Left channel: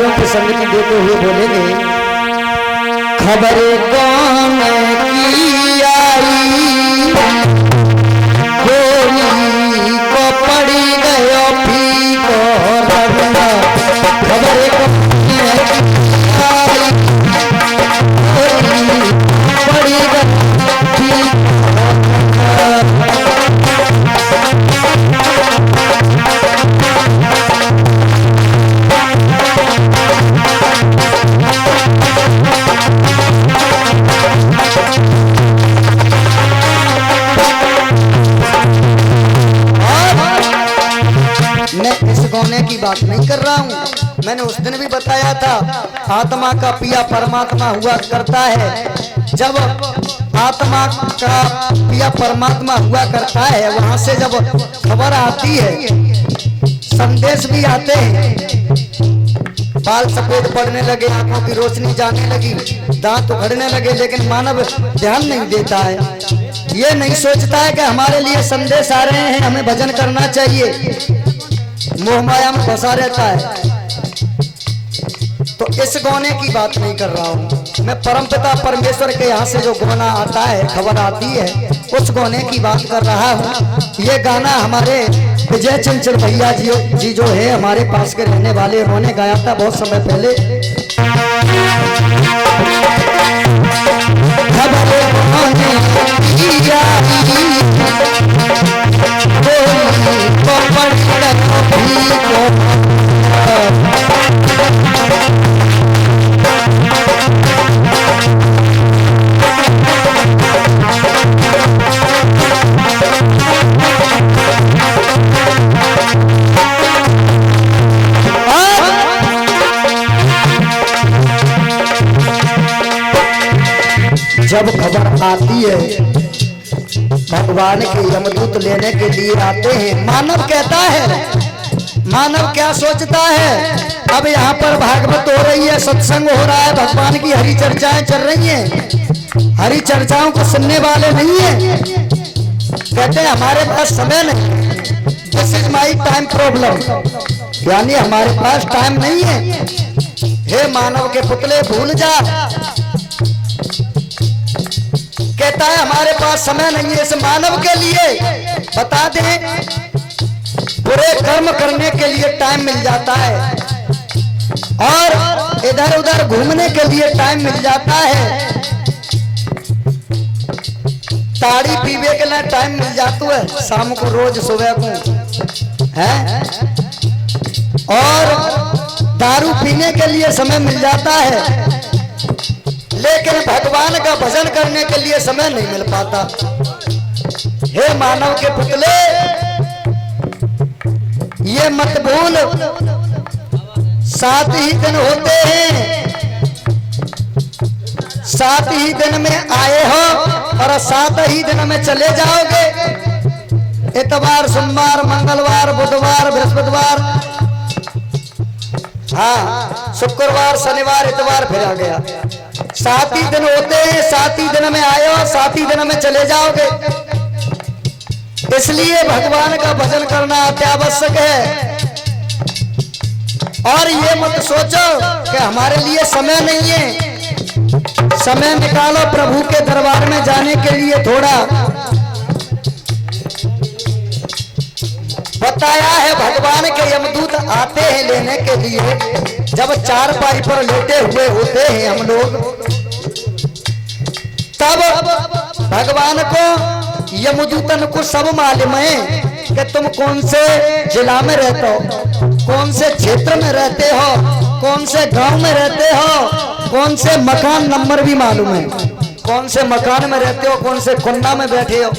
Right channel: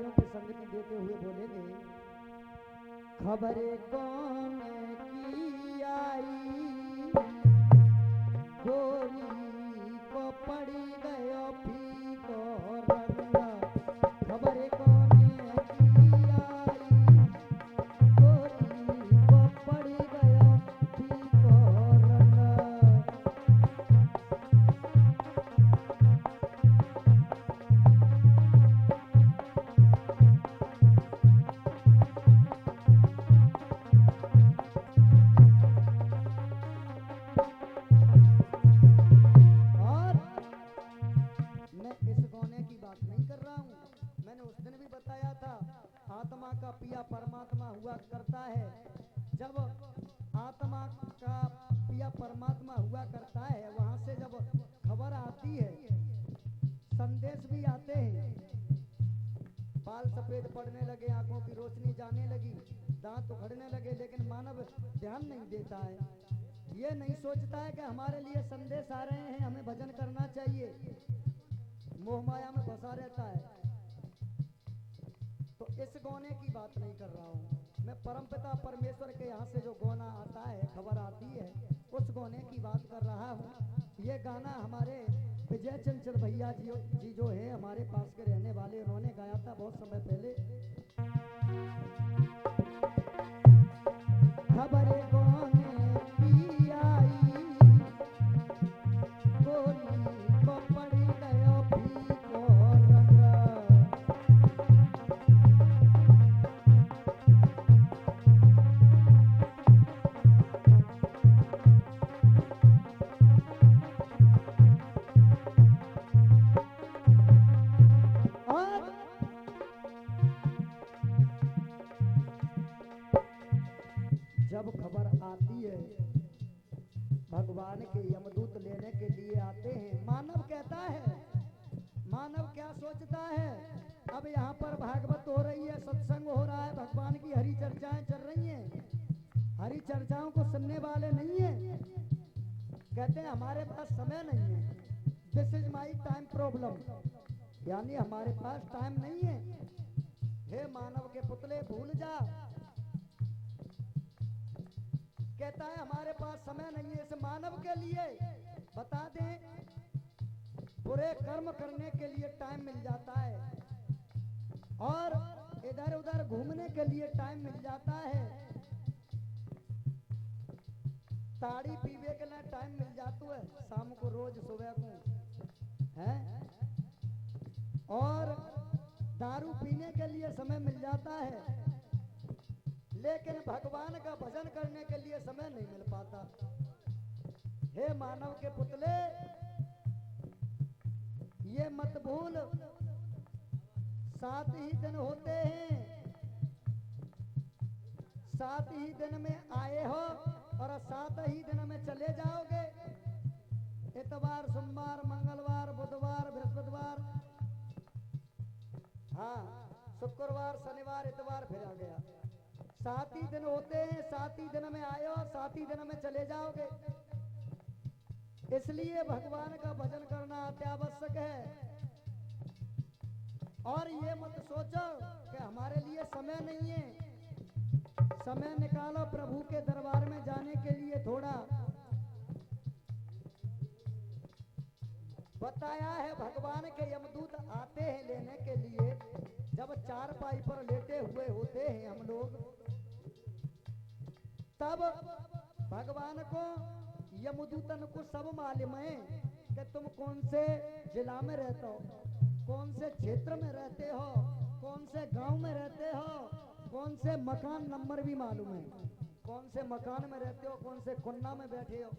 रागों की संगति देते हुए बोलेंगे, खबर कौन की आई, गोली को पड़ी गयो फीको रंग, खबर कौन की आई, गोली पड़ी गयो फीको रंग। मैं की बात नहीं कर रहा हूँ। मैंने उस दिन भी बताया था, आत्मा का पिया परमात्मा हुआ करता है। जब आत्मा का पिया परमात्मा हुआ करता है, वहां से जब खबर आती है, संदेश भी आते हैं, बाल सफेद पड़ने लगे, आंखों की रोशनी जाने लगी, दांत उखड़ने लगे, लेकिन मानव ध्यान नहीं देता है। ये नहीं सोचता है कि हमारे लिए संदेश आ रहे हैं, हमें भजन करना चाहिए, मोह माया में फंसा रहता है। तो इस गौने की बात नहीं कर रहा हूँ मैं, परमपिता परमेश्वर के यहाँ से जो गाना आता है, खबर आती है, उस गौने की बात कर रहा हूँ। ये गाना हमारे विजय चंचल भैया जी जो है हमारे पास के रहने वाले, उन्होंने गाया था बहुत समय पहले। खबर जब खबर आती है, भगवान के यमदूत लेने के लिए आते हैं। मानव कहता है, मानव क्या सोचता है, अब यहाँ पर भागवत हो रही है, सत्संग हो रहा है, भगवान की हरि चर्चाएं चल रही हैं, हरि चर्चाओं को सुनने वाले नहीं है। कहते हैं हमारे पास समय नहीं, this is my time problem, यानी हमारे पास टाइम नहीं है। हे मानव के पुतले भूल जा, कहता है हमारे पास समय नहीं है। इस मानव के लिए बता दें, बुरे कर्म करने के लिए टाइम मिल जाता है और इधर उधर घूमने के लिए टाइम मिल जाता है, ताड़ी पीने के लिए टाइम मिल जाता है शाम को, रोज सुबह को है, और दारू पीने के लिए समय मिल जाता है, लेकिन भगवान का भजन करने के लिए समय नहीं मिल पाता। हे मानव के पुतले, ये मत भूल, 7 ही दिन होते हैं, 7 ही दिन में आए हो और 7 ही दिन में चले जाओगे। इतवार, सोमवार, मंगलवार, बुधवार, बृहस्पतिवार, हाँ शुक्रवार, शनिवार, इतवार फिर आ गया। 7 ही दिन होते हैं, 7 ही दिन में आए हो, 7 ही दिन में चले जाओगे। इसलिए भगवान का भजन करना अत्यावश्यक है। और ये मत सोचो कि हमारे लिए समय नहीं है, समय निकालो प्रभु के दरबार में जाने के लिए। थोड़ा बताया है, भगवान के यमदूत आते हैं लेने के लिए। जब चारपाई पर लेटे हुए होते हैं हम लोग, तब भगवान को यमदूतन को सब मालूम है कि तुम कौन से जिला में रहते हो, कौन से क्षेत्र में रहते हो, कौन से गांव में रहते हो, कौन से मकान नंबर भी मालूम है, कौन से मकान में रहते हो, कौन से कुंडा में बैठे हो।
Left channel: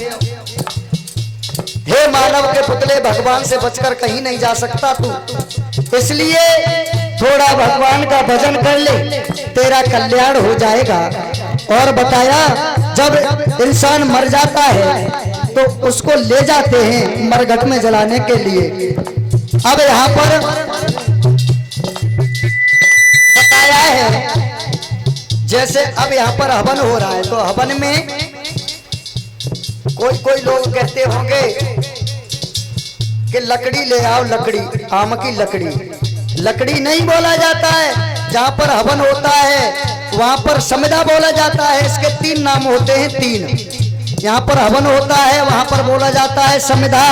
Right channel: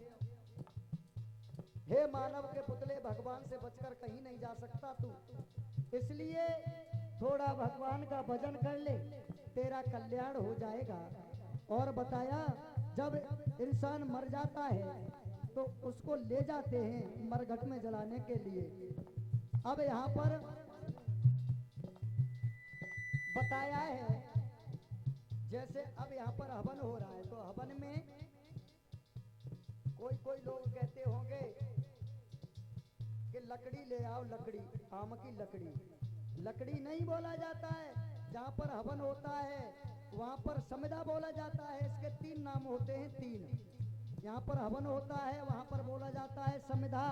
हे मानव के पुतले, भगवान से बचकर कहीं नहीं जा सकता तू, इसलिए थोड़ा भगवान का भजन कर ले, तेरा कल्याण हो जाएगा। और बताया, जब इंसान मर जाता है तो उसको ले जाते हैं मरघट में जलाने के लिए। अब यहाँ पर बताया है, जैसे अब यहाँ पर हवन हो रहा है, तो हवन में कोई लोग कहते होंगे कि लकड़ी ले आओ, लकड़ी, आम की लकड़ी लकड़ी नहीं बोला जाता है। जहाँ पर हवन होता है वहाँ पर समिधा बोला जाता है। इसके 3 नाम होते हैं, 3। यहाँ पर हवन होता है वहाँ पर बोला जाता है समिधा,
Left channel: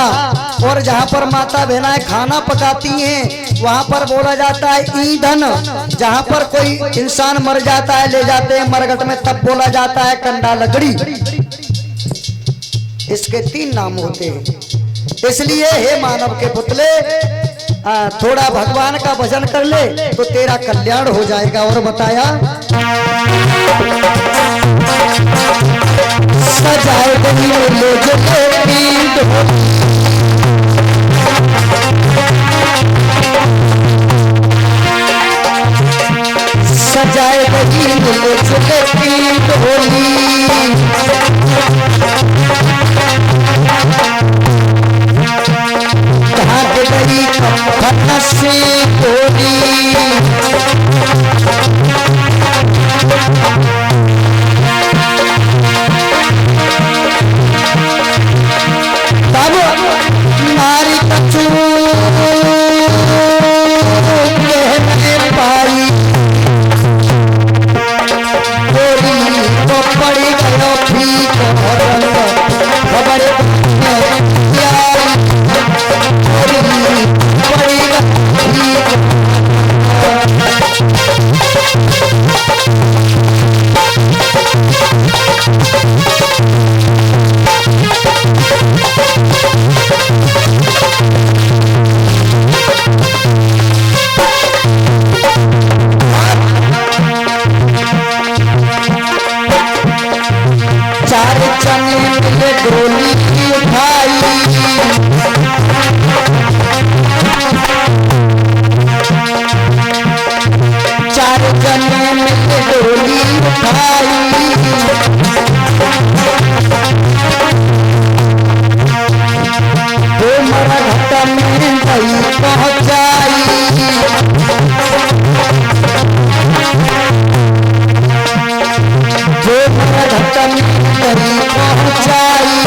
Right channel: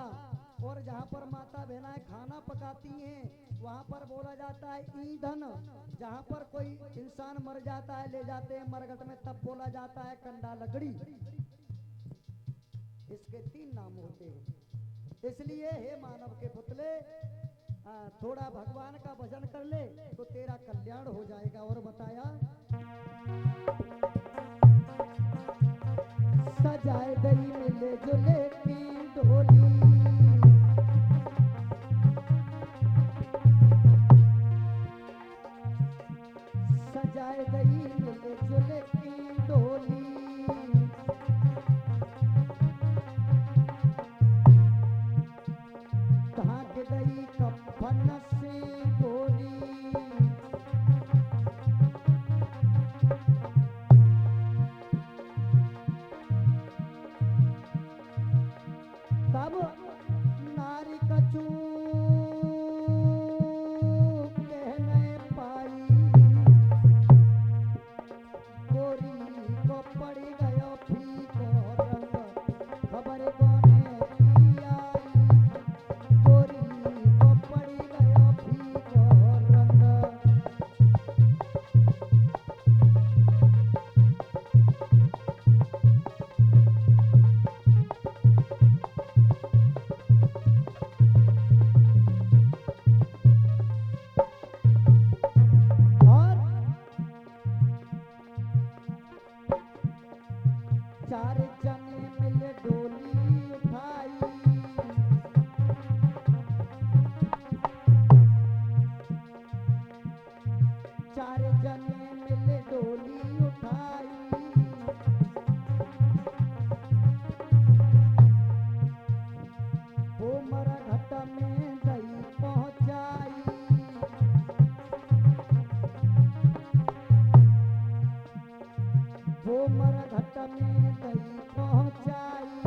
और जहाँ पर माता बहनाएं खाना पकाती हैं वहाँ पर बोला जाता है ईंधन। जहाँ पर कोई इंसान मर जाता है, ले जाते हैं मरघट में, तब बोला जाता है कंडा लकड़ी। इसके 3 नाम होते हैं। इसलिए हे मानव के पुतले, थोड़ा भगवान का भजन कर ले तो तेरा कल्याण हो जाएगा। और बताया सजाए गई ले जो सजाए गई ले जो होली, से गोली तब नारी कछु कहने पाई, गोली तो पड़ी गयो ठीक खबर गोली उठाई, चार जने में गोली उठाई, दो मरघट में गई पहुंचाई, दो मरघट में गई पहुंचाई,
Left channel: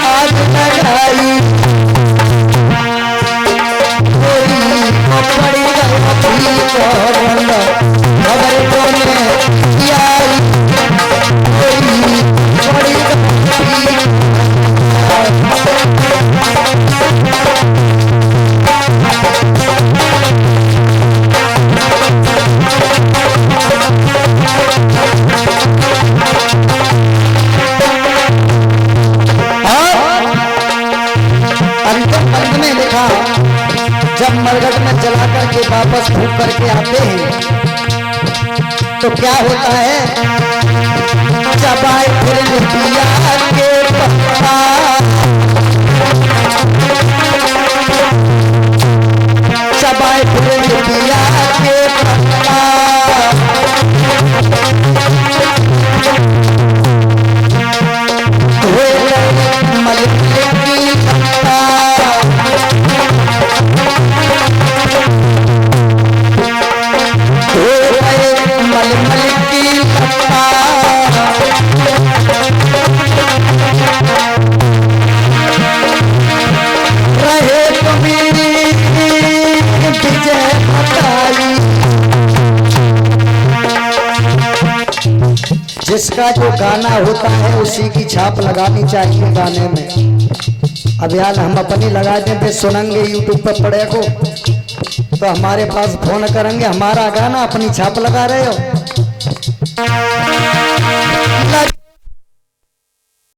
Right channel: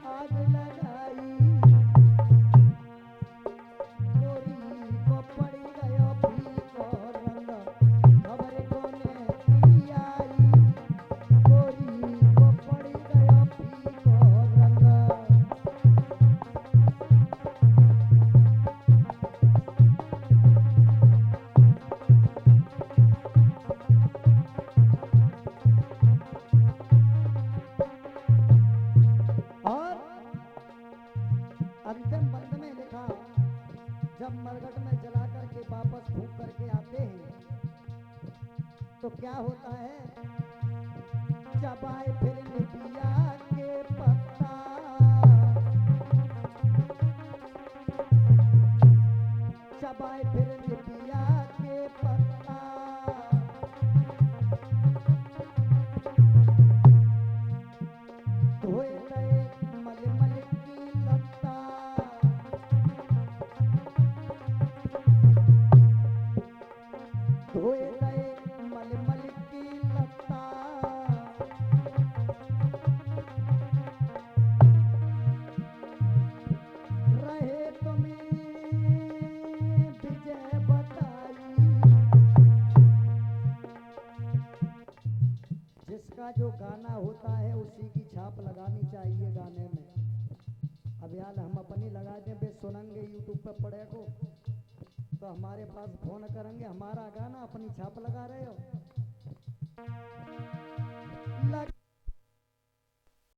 आग लगाई, पड़ी गई खबर बोले आई, पड़ी जब मरघट में जला करके वापस फूंक करके आते हैं तो क्या होता है, चबाए फिर पिया के पत्ता, चबाए फिर पिया के पत्ता, जिसका जो गाना होता है उसी की छाप लगानी चाहिए गाने में। अब यार हम अपनी लगा देते सुनेंगे यूट्यूब पर पड़े को तो हमारे पास फोन करेंगे, हमारा गाना अपनी छाप लगा रहे हो।